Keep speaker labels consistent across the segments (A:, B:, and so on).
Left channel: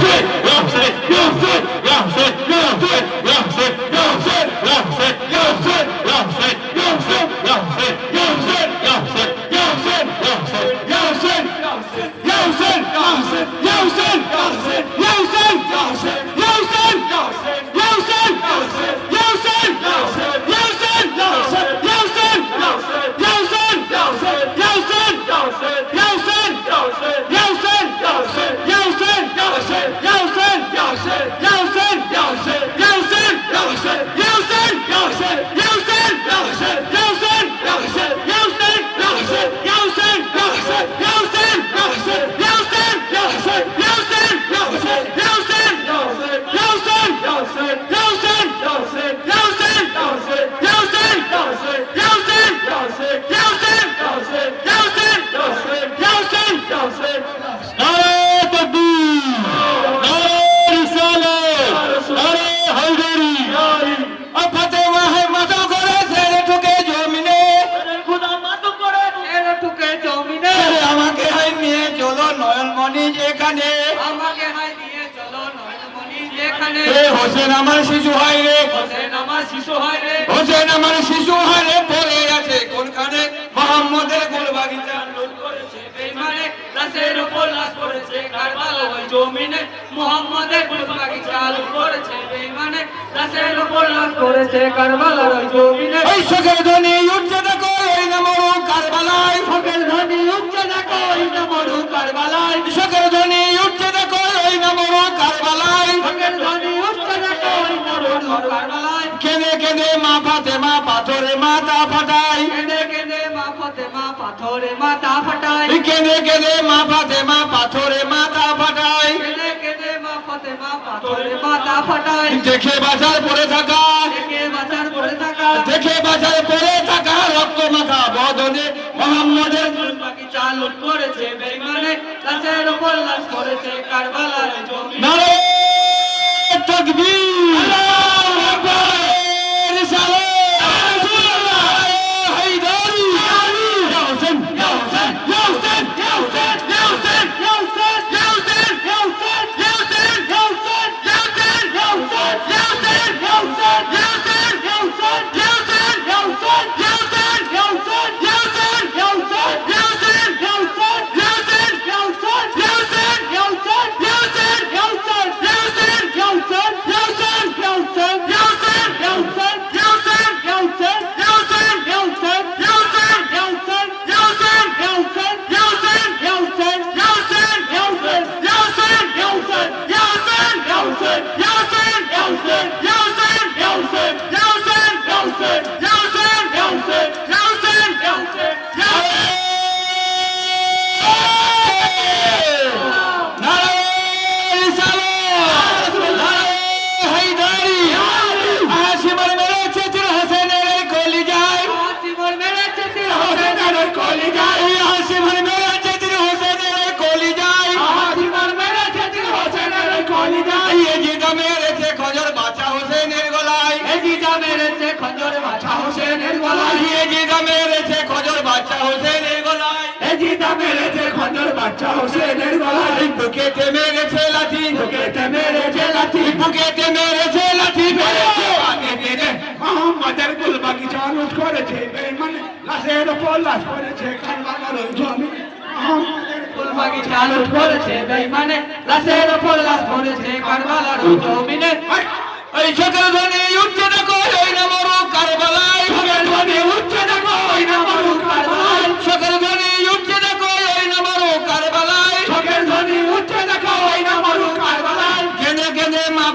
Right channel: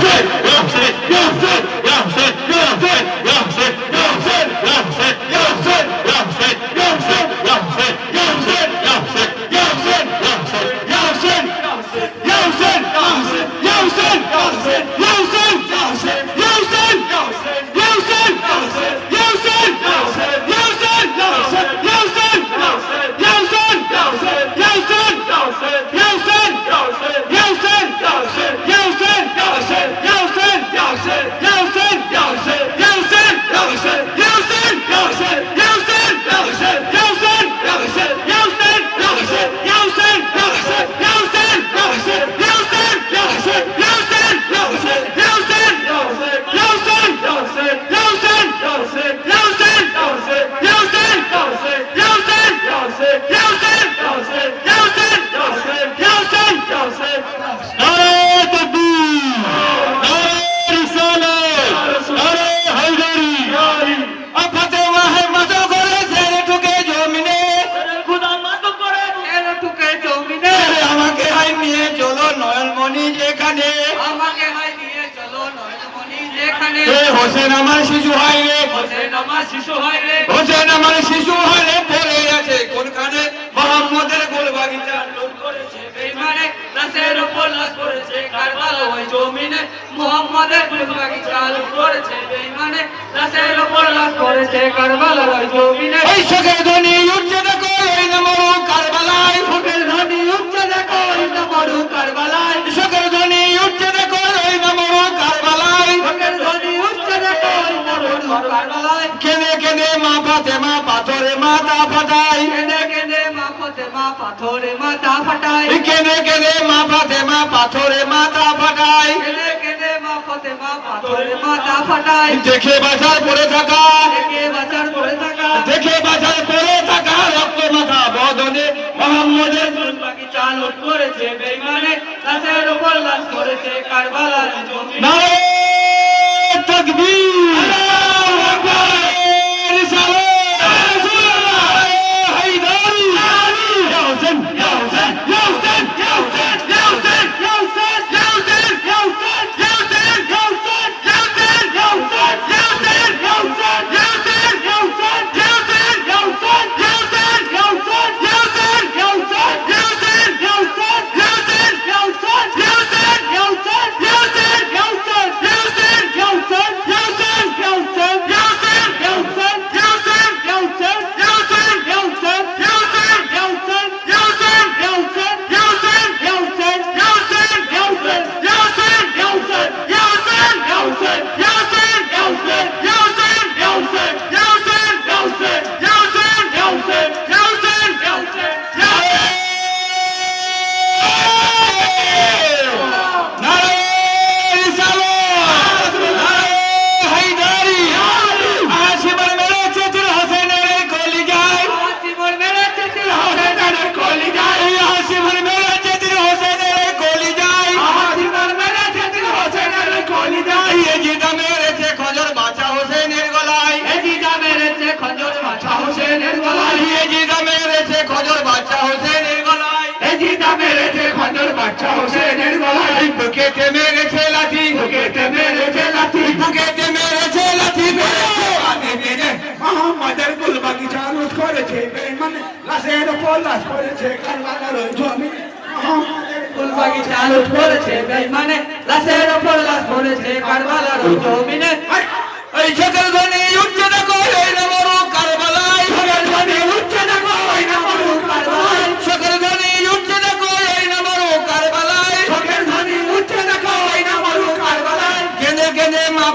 A: Yavsen! Yavsen! Yavsen! Yavsen! Yavsen! যেখানে?
B: আমাকে high নিয়ে চলো নয়নমণি যেখানে?
A: এ হোসেন আমার শিশু হাই রে।
B: হোসেন আমার শিশু রে।
A: হোসেন আমার শিশু হাই রে। পড়ে আছে কোনখানে? মোহাম্মদের গোল বাগিচা
B: বেইমানে লাশের উপর লাশ পড়েছে কারবালা ওই জমিনে। মুহাম্মাদের গুলবাগি চালু করেছে বেইমানে লাশের উপর লাশ পড়েছে কারবালা ওই জমিনে।
A: এই কেনে কেনে মা ফাতে মা পাথরে মাথা ফাটাই।
B: কেঁদে কেঁদে মা ফতে মা পাথরে মাথা ফাটায়
A: কেনে কেনে মা ফাতে মা পাথরে মাথা ফাটাই।
B: কেঁদে কেঁদে মা ফতে মা পাথরে মাথা ফাটায়
A: দেখে বাজার পড়ে থাকা।
B: একে বাজার পড়ে থাকা।
A: দেখে বাজার পড়ে থাকা। রক্ত মাথা বদনে মোহাম্মদের।
B: বাকি চালু করেছে বেইমানে। লাশের উপর লাশ করেছে কারবালার জমি
A: নারে তকবীর।
B: এজিদা মেরেছে খজর মাছা হোসেনের গলায়
A: জিদা মেরেছে খজর বাচ্চা হোসেনের গলায়
B: এজিদা মেরেছে খজর বাচ্চা হোসেনের গলায়
A: বুকেতে মেরেছে লাঠি
B: বুকেতে মেরেছে লাথি
A: বুকেতে মেরেছে লাঠি মেরেছে
C: আমি মেরে মোহাম্মদের গুল বাগিচা লুট করেছে বেঈমান লাশের উপর লাশ করেছে কান্নার জমি মোহাম্মদের
B: ফুলবাগি চালু করেছে বেইমানে লাশের উপর লাশ পড়েছে কারবালার জমিনে
A: এই সকল ধ্বনি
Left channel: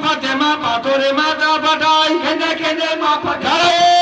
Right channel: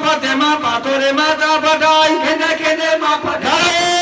A: ফতেমা পাথরে মাথা ফাটাই
C: খেদে খেদে মা
A: ফাটাই